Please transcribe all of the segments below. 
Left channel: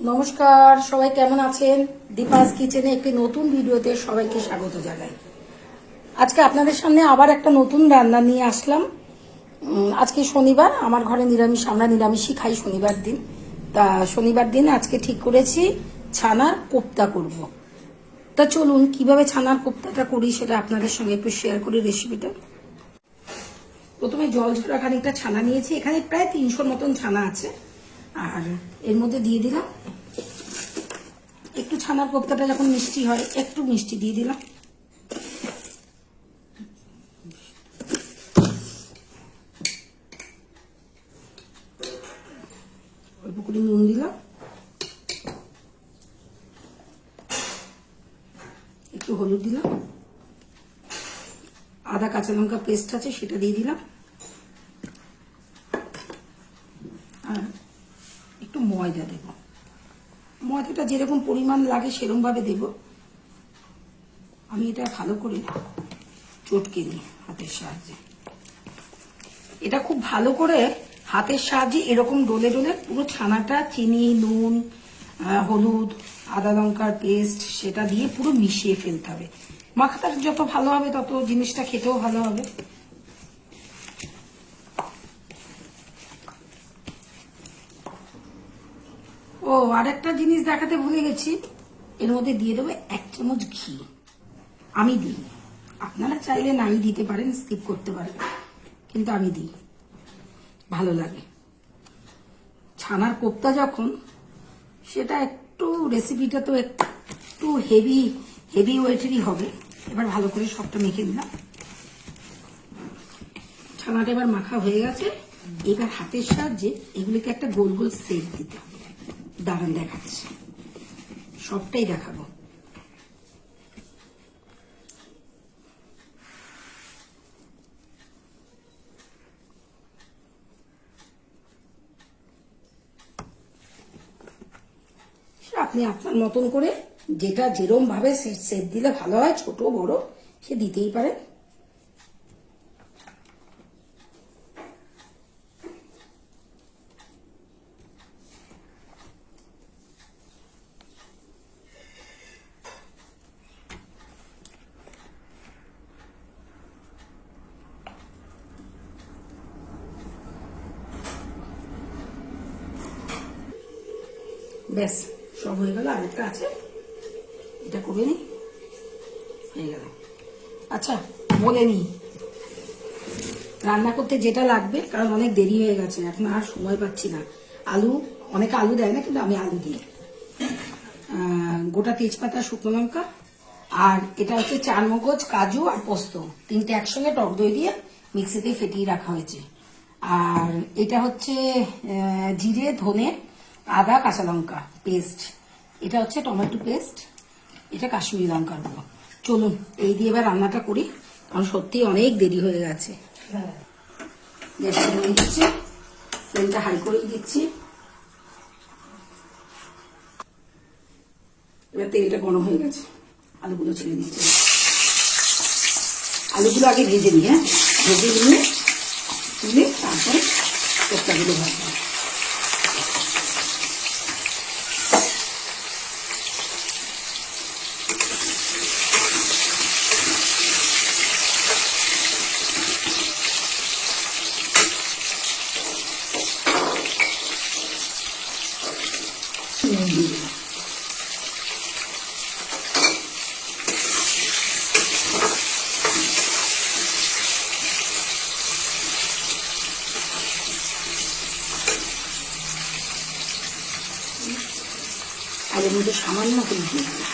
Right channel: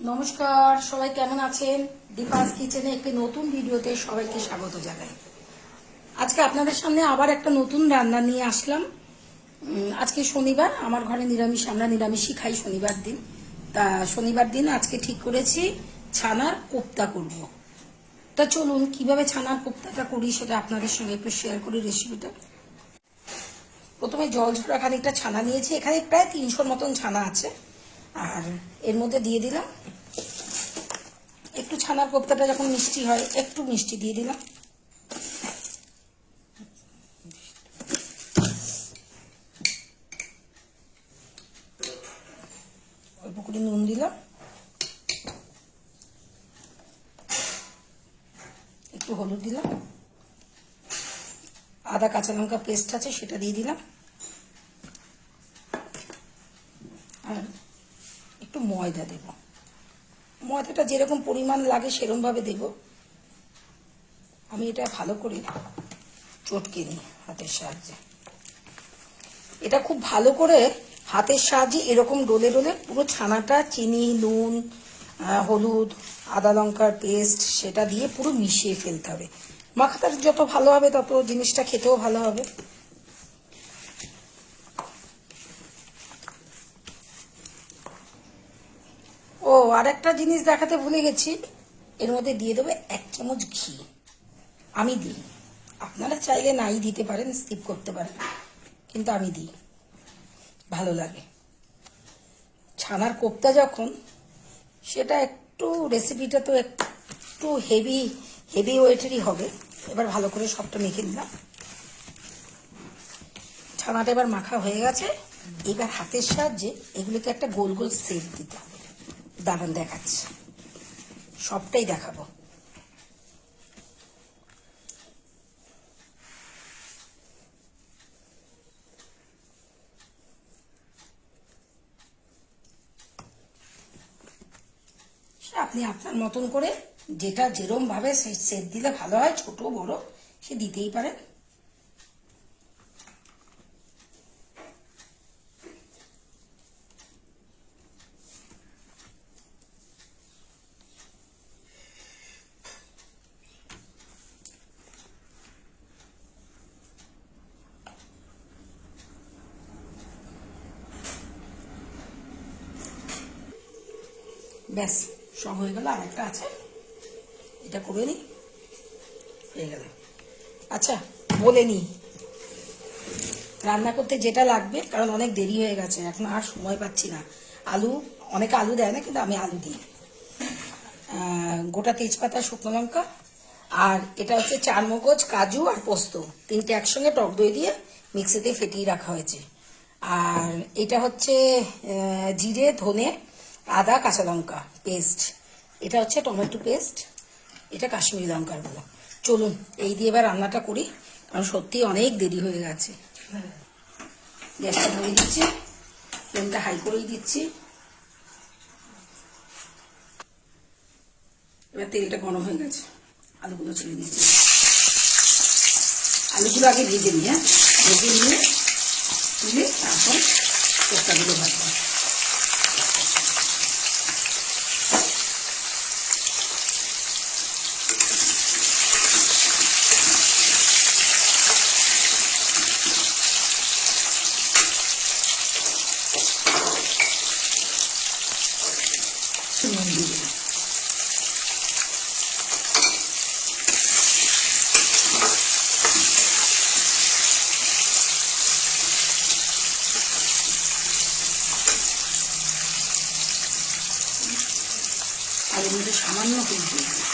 নমস্কার, সবাই কেমন আছেন? দীপাস কিচেনে একটি নতুন ভিডিওতে সবাইকে স্বাগত জানাই। আজকে আপনাদের সামনে আবার একটা নতুন রান্না নিয়ে আসলাম। আজকে শনিবার, আমার ঘরে নিরামিষ, আমরা নিরামিষই খাই শনিবার দিন। তা শনিবার দিন আজকে ঠিক করেছি ছানার কোপ্তা করব। তা চলুন কিভাবে ছানার কোপ্তাটা করি সেটা আপনাদের সঙ্গে একটু শেয়ার করি রেসিপিটা। প্রথমে জল ঝরা খানিকটা ছানা নিয়েছি, এখানে প্রায় 300 মতন ছানা আছে। আর এর মধ্যে দিয়ে দিলাম একটু ছানার কোপ্তাটা যখন মিষ্টি হয় একটু মিষ্টি দিয়ে দিলাম, অল্প করে নুন দিলাম, একটু হলুদ দিলাম, আদা কাঁচা লঙ্কা পেস্ট আছে সেটা দিয়ে দিলাম, আর একটু ময়দা দেব। ময়দাটা যেরকম পরিমাণ লাগে সেরকম ভাবে দেব। আমি এটা ভালো করে চটকে দিই হাতের সাহায্যে। এটা খুব ভালো করে হাতের সাহায্যে এরকম ডলে ডলে পুরো ছানাটা চিনি, নুন, হলুদ, আদা লঙ্কার পেস্ট সেটা দিয়ে পুরো মিশিয়ে ফেলতে হবে। মাখাটা যত ভালো হবে তত জিনিসটা খেতেও ভালো হবে। ও আর একটা জিনিস দেখাতে ভুলে গেছি, এর মধ্যে দিয়ে দেবো 1 চামচ ঘি। আমি দিই, আপনারা চাইলে নাই দিতে পারেন, স্কিপ করতে পারেন, কিন্তু আমি দিই, ভালো লাগে। ছানার কোপ্তা যখন, সেটা একটু রেসিপিটা তো একটু হেভি ওয়েটেরই হবে। এবার ভালো করে সবটা মেখে দিলাম। ছানাটা এবার মাখা হয়ে গেছে। এবার হাতের সাহায্যে এগুলিকে একটা গোল গোল শেপ দিতে হবে। দারুণ দেখাচ্ছে, সবটাই দেখাবো। আপনি আপনার মতন করে যেটা যেরকম ভাবে শেপ দিলে ভালো হয়, ছোট বড় সে দিতেই পারেন। ব্যাস সব হয়ে গেল, আরেকটা আছে, এটা করে নি, হয়ে গেল। আচ্ছা বলে নি রান্না করতে যেটা লাগবে, কারণ অনেক দেরি হয়ে গেছে, এখন আর সময় পাচ্ছি না। আলু, অনেকে আলু দেয় না, কিন্তু আমি আলু দিই। গোটা তেজপাতা, শুকনো লঙ্কা, আর এটা হচ্ছে চারমগজ, কাজু আর পোস্ত, তিনটে একসঙ্গে টক দই দিয়ে মিক্সিতে ফেটিয়ে রাখা হয়েছে। আর এটা হচ্ছে জিরে, ধনে, আদা, কাঁচা লঙ্কা পেস্ট। এটা হচ্ছে টমেটো পেস্ট। এটা কাশ্মীরি লঙ্কার গুঁড়ো। চলুন এই দিয়ে এবার রান্নাটা করি, কারণ সত্যি অনেক দেরি হয়ে গেছে। গ্যাসটা ধরে দিচ্ছি, ফ্লেমটা হাই করেই দিচ্ছি। এবার তেলটা গরম হয়ে গেছে, আলুগুলো ছেড়ে দিচ্ছি। আলুগুলো আগে ভেজে নিই, ভেজে নিয়ে তুলে তারপর কোপ্তাগুলো ভাজবো। আর এর মধ্যে সামান্য হলুদ দিয়ে দিলাম।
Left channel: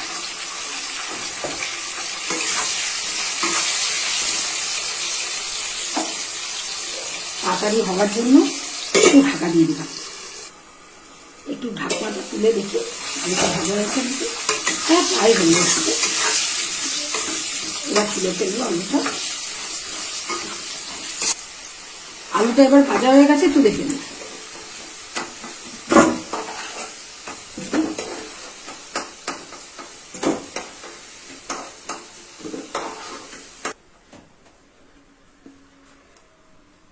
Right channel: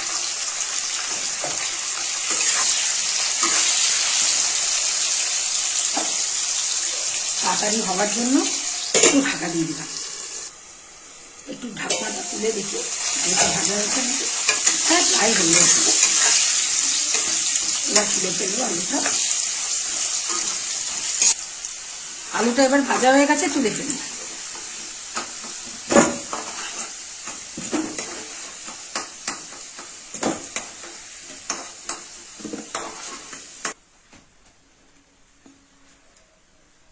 তাড়াতাড়ি হওয়ার জন্য একটু ঢাকা দিয়ে দিলাম। একটু ঢাকনাটা তুলে দেখি আলুটা ভাজা হয়েছে নাকি। হ্যাঁ প্রায় হয়ে গেছে। এবার তুলে ফেলবো আলুটা। আলুটা এবার ভাজা হয়ে গেছে, তুলে ফেলবো।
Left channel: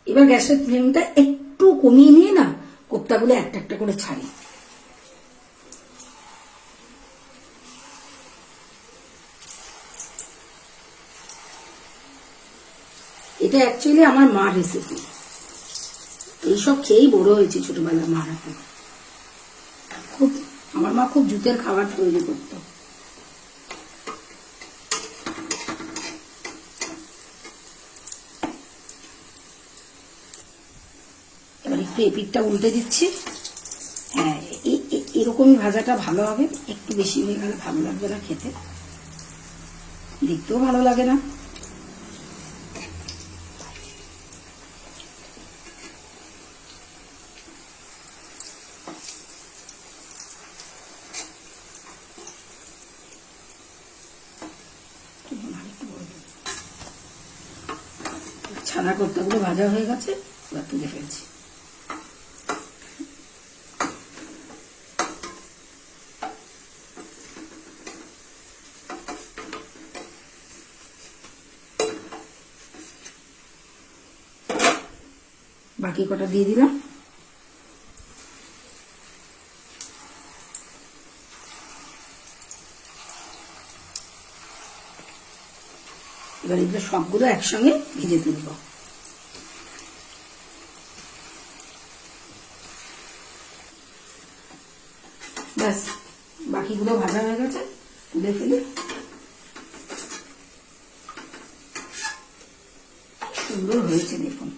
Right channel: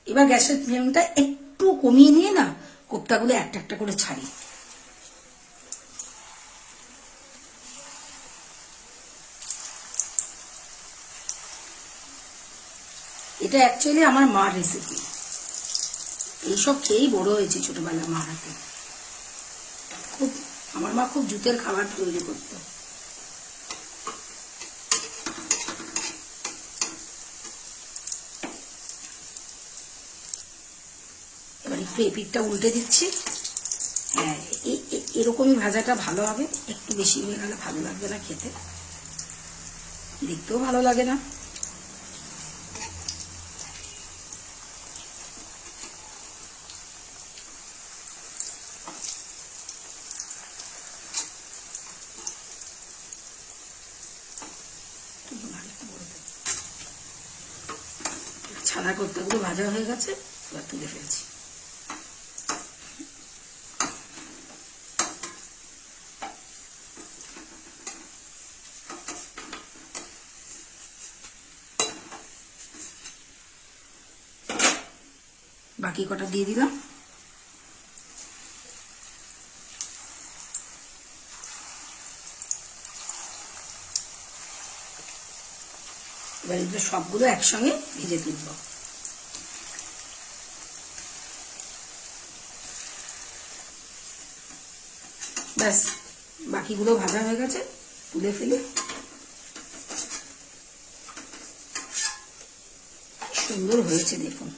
এবার গ্যাসের ফ্লেমটা একটু কমিয়ে নিয়ে না কোপ্তাগুলো একটা একটা করে ছাড়ি। এটা অ্যাকচুয়ালি আমার মার রেসিপি। এইসব খেয়েই বড় হয়েছে ছোটবেলায় মা। এখন খুব আমার মা খুব জুতের খাবার তৈরি করতো। এবার একটু এপিঠটা উল্টে দিচ্ছি। হ্যাঁ, এরকমই ভাজাটা ভালো হবে। একটু বেশি হয়ে গেলে ভালো লাগবে না খেতে, দেখতেও ভালো লাগে না। ছানা কোপ্তাগুলো ভাজা হয়ে গেছে, এবার তুলে ফেলছি। বাকি কটা দিয়ে দিলাম। এবার এগুলো সবগুলো একসঙ্গে ভেজে তুলব। ব্যাস, বাকিগুলো ভাজা হয়ে গেছে, তুলে ফেলি। সুন্দর হয়েছে দেখুন।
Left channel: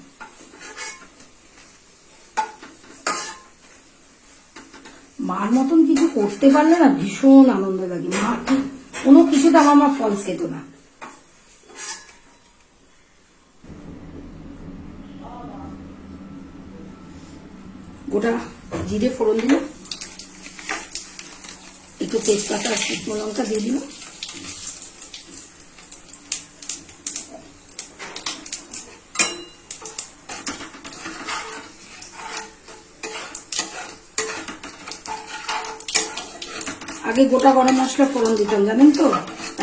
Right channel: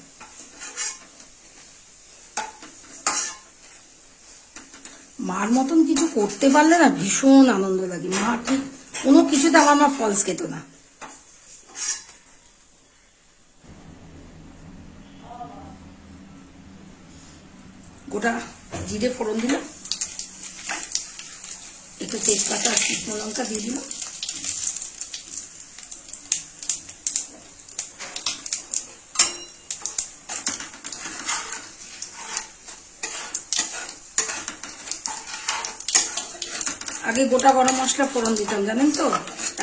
মার মতন কিছু করতে পারলে না ভীষণ আনন্দ লাগে। মা কোনো কিছুতে আমার মা ফলস খেত না। গোটা জিরে ফোড়ন দিলাম, একটু তেজপাতা আর শুকনো লঙ্কা দিয়ে দিলাম। আগে গোটা গরম মশলা ফোড়ন দিতাম জানেন তো,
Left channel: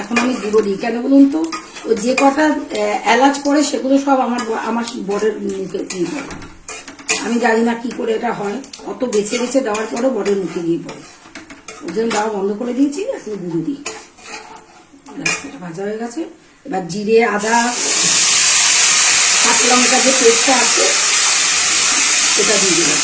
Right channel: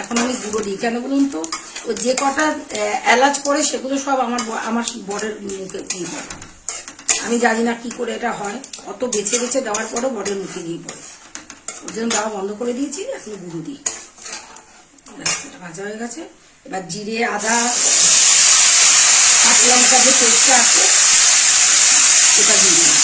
এখন আমি গুঁড়ো দিই। কেন বলুন তো, ও যে কটা এলাচ পড়ে সেগুলো সব আমার বরের মুখে দিয়ে পড়ে। আমি জানি না কি করে এটা হয়, অত বেছে বেছে দেওয়ার পরও বরের মুখে দিয়ে পড়ে। ওই জন্য দেওয়া বন্ধ করে দিয়েছি, এখন গুঁড়ো দিই। এটা ভাজা হয়ে গেছে। এবার জিরে, আদা, কাঁচা লঙ্কা যে পেস্টটা আছে সেটা দিয়ে দিলাম।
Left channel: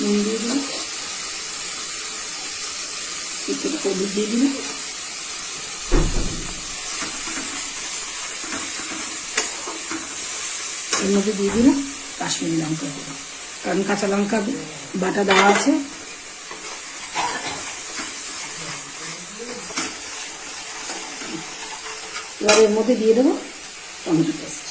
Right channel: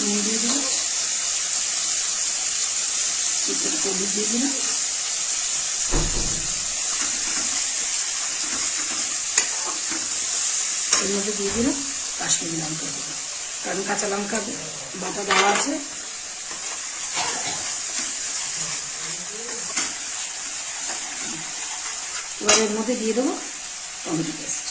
নুন দিয়ে দিলাম, একটু হলুদ দিয়ে দিলাম। এর মধ্যে দিয়ে দিলাম কাশ্মীরি লঙ্কা গুঁড়ো, কারণ কাঁচা লঙ্কা বাটা দেওয়া আছে। এবার এর মধ্যে দিয়ে দেবো টমেটো পেস্ট।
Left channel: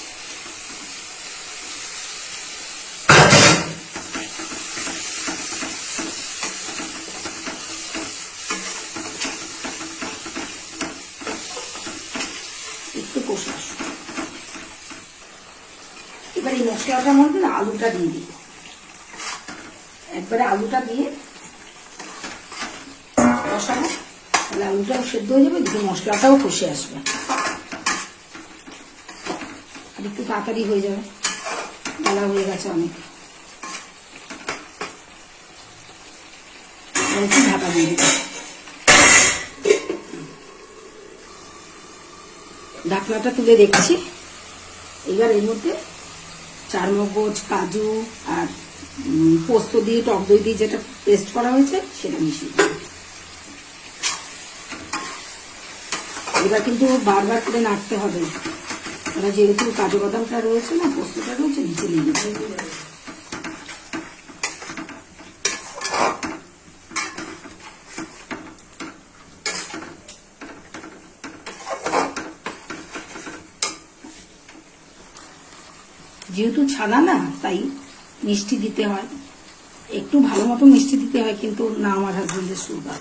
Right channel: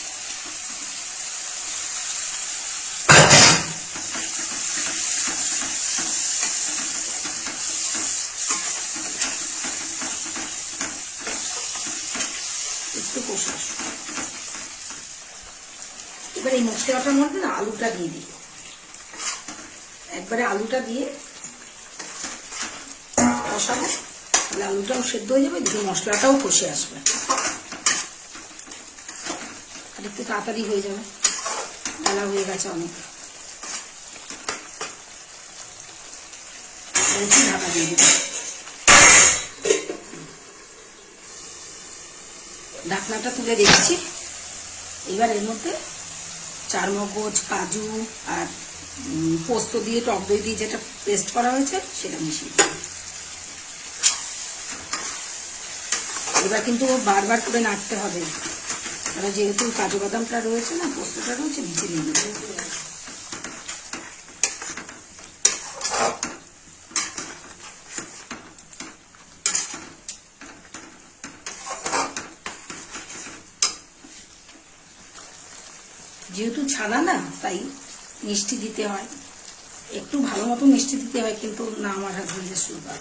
একটু কষা। এবার এই মশলাটার মধ্যে আলুটা দিয়ে দিই। একবারে আলুটা দিয়ে কষাবো, তাহলে আলুটাও সেদ্ধ হয়ে যাবে, এদিকে মশলাটাও কষে আসবে, আর একটু তাড়াতাড়ি হয়ে যাবে। বেলা হয়ে গেছে অনেক। একটু ঢাকা দিয়ে দিই। ঢাকনাটা তুলে দেখছি। এবার এর মধ্যে চারমগজ, কাজু আর পোস্ত দিয়ে টক দই দিয়ে যেটা পেস্ট করা হয়েছে সেটা মিশিয়ে দিই। এবার কিন্তু বারবার করে নাড়তে হবে, মানে যেহেতু কাজু বাদামটা রয়েছে না, পোস্তটা রয়েছে, নিচে নিয়ে নেবে। যেহেতু ছানা না, তাই মিষ্টি দিতে হয়, একটু ভালো মতো মিষ্টি দিতে হয়, কিন্তু না আমার হাজবেন্ডের সুগার,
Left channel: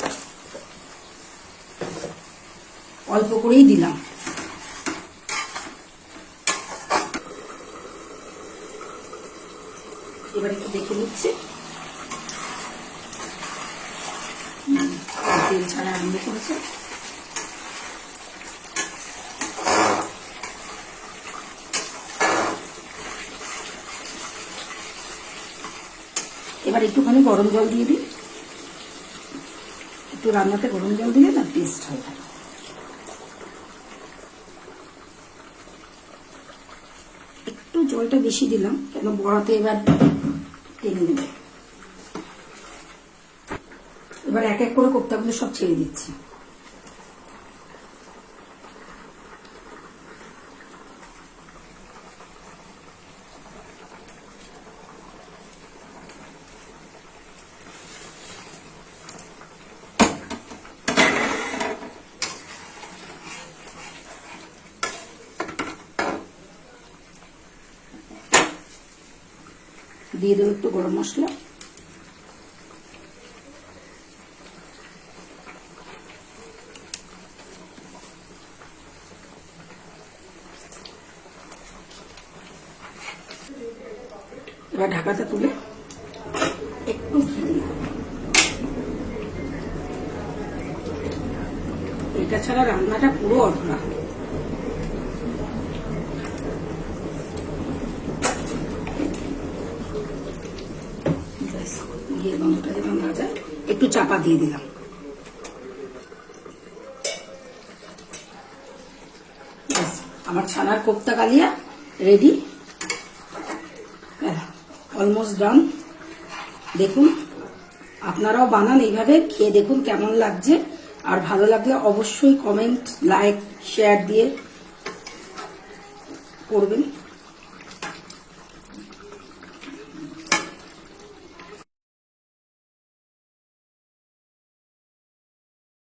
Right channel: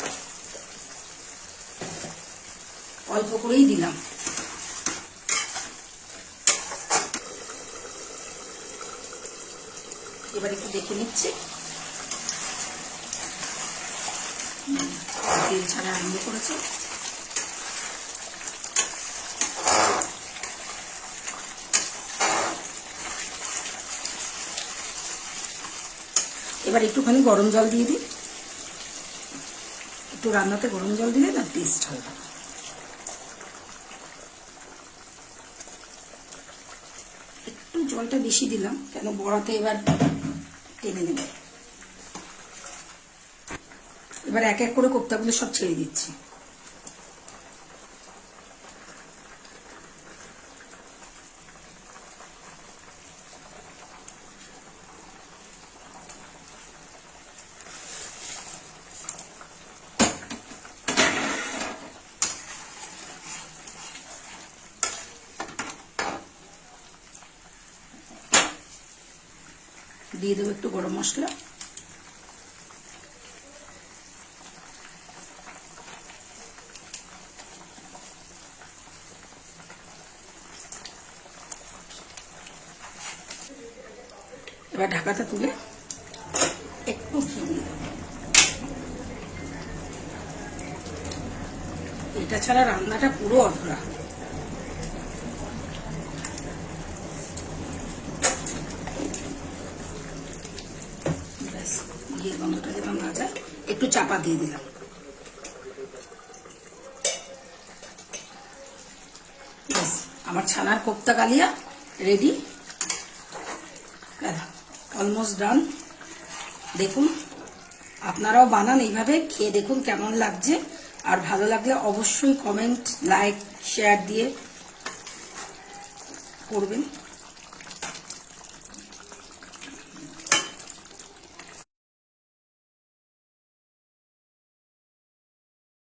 অল্প করেই দিলাম। এবার একটু দেখে নিচ্ছি, তেল ছাড়া আরম্ভ করেছে। এবার এবার একটুখানি গরম জল দিয়ে দিই, একটু রান্নাতে গরম জল দিলে না টেস্ট হয়। একটু জলটা বেশি দিলাম কেন বড়াতে এবার টেনে নেবে। এবার এক এক করে কোপ্তাগুলো সব ছেড়ে দিচ্ছি। দিয়ে দেবো একটু গরম মশলা, এবার ঢাকাটা তুলে একটু ঘি দিই। এটা ছাড়া রান্নাটা পুরো অধরা। ঘিয়ের গন্ধটা যেমন না যায় একটু চাপা দিয়ে দিলাম। ব্যাস আমার ছানার কোপ্তা কালিয়া রেডি, অলমোস্ট ডান। দেখুন আপনারাও বানান এইভাবে, খেয়ে দেখুন কেমন লাগছে। আর ভালো লাগলে অবশ্যই কমেন্ট, লাইক, শেয়ার দিয়ে করবেন।